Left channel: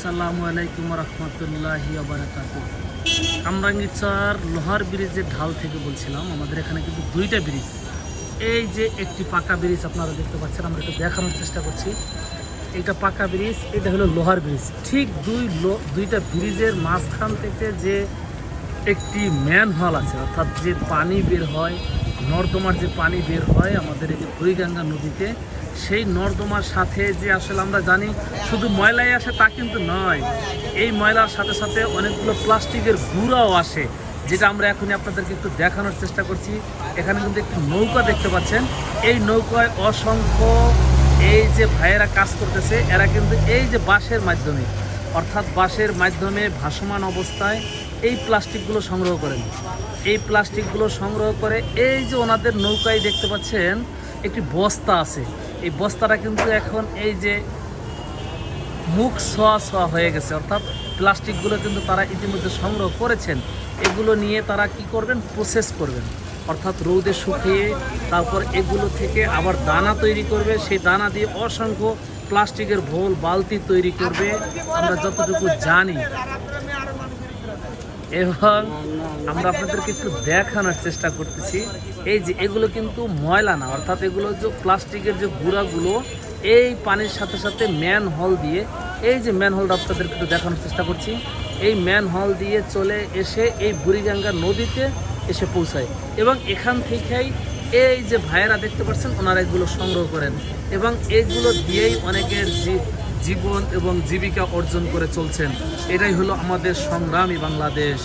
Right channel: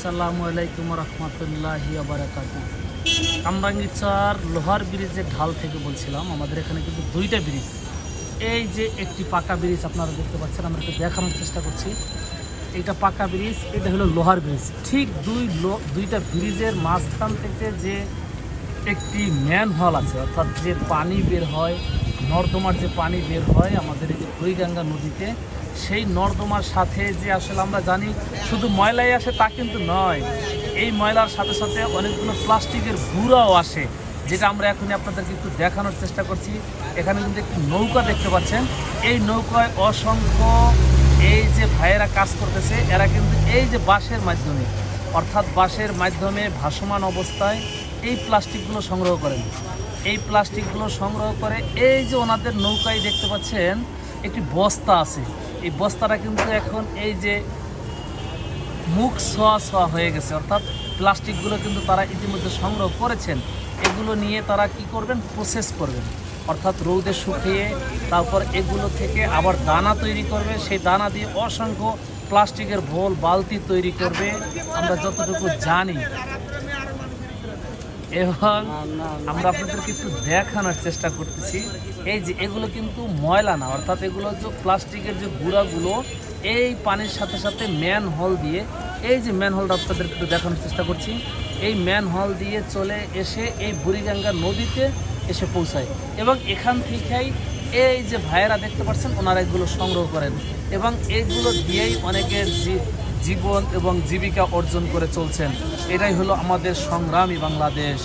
আসসালামু আলাইকুম রহমতুল্লাহি ওয়া বারাকাতুহু। কামরাঙ্গীরচর লোহার ব্রিজের ঢাল থেকে বলছিলাম। আমাদের এখানে কিন্তু দুইটা ব্রিজ, এই যে একটি পাকা ব্রিজ আপনারা দেখতে পাচ্ছেন, আমরা একটু দেখানোর চেষ্টা করছি। এটা পাকা ব্রিজ, এটা হলো লোহার ব্রিজ। ঠিক দুইটা ব্রিজের মাঝখান থেকে যে একটি ম্যানহোল আছে, অর্থাৎ যে পানি বের হয়, নর্দমার যে পানি বের হয় আমাদের এই যে বুড়িগঙ্গা নদীতে, সেই নর্দমার সাথে যে আসলে আমরা জানি শুধু ময়লাই আসে তা কিন্তু নয়, এই ময়লার সাথে সাথে অনেকগুলো প্লাস্টিকের গুঁড়াও আসে, যেটা আমরা এখনই আপনাদেরকে একটু দেখানোর চেষ্টা করছি। এখানে কিন্তু একটি নৌকা দেখতে পাচ্ছেন, এই নৌকায় অসংখ্য এই যে ভাইয়েরা কাজ করতেছে, এরা কিন্তু এই যে বাঁশের মাধ্যমে, অর্থাৎ বাঁশের মাধ্যমে ভাসমান অবস্থায় এই প্লাস্টিকগুলো সংগ্রহ করেন। এই প্লাস্টিকগুলো সংগ্রহ করে এই যে ওনাদের নৌকায় দেখতে পাচ্ছেন একটি বস্তা আছে, এই বস্তাটা কিন্তু এখন এই যে মুখ ছোঁয়া হয়ে গেছে, অর্থাৎ প্লাস্টিকগুলো কিন্তু তারা ইতিমধ্যে সংগ্রহ করেছেন। এগুলো নিয়ে তারা কি করবেন, প্রসেস করবেন, অর্থাৎ রৌদে শুকিয়ে তারপর এগুলো থেকে আবার দানা তৈরি করবে, সেই দানা দিয়ে অসংখ্য প্লাস্টিকের ভোল বালতি তৈরি করবে আমরা যতটুকু জানি। এবং আমরা আপনাদেরকে একটু দেখানোর চেষ্টা করতেছি, এই যে এগুলো কিন্তু ময়লা না, অর্থাৎ এগুলো যে প্লাস্টিকের যে গুঁড়াগুলো এই পানির সাথে সাথে ম্যানহোল দিয়ে, এই যে ম্যানহোলটা আপনাদেরকে একটু দেখানোর চেষ্টা করছি, এই ম্যানহোল দিয়ে চলে এসে এই বুড়িগঙ্গা নদীতে এসে পৌঁছায়। এবং এখান থেকেই এই যে ভাইয়েরা দেখতে পাচ্ছেন ওনারা এগুলো সংগ্রহ করেন, এবং এইগুলো দিয়েই অনেকের জীবন এবং জীবিকা অর্জন করে চলছেন। এটাই হলো আমাদের সংগ্রামী বাংলাদেশ।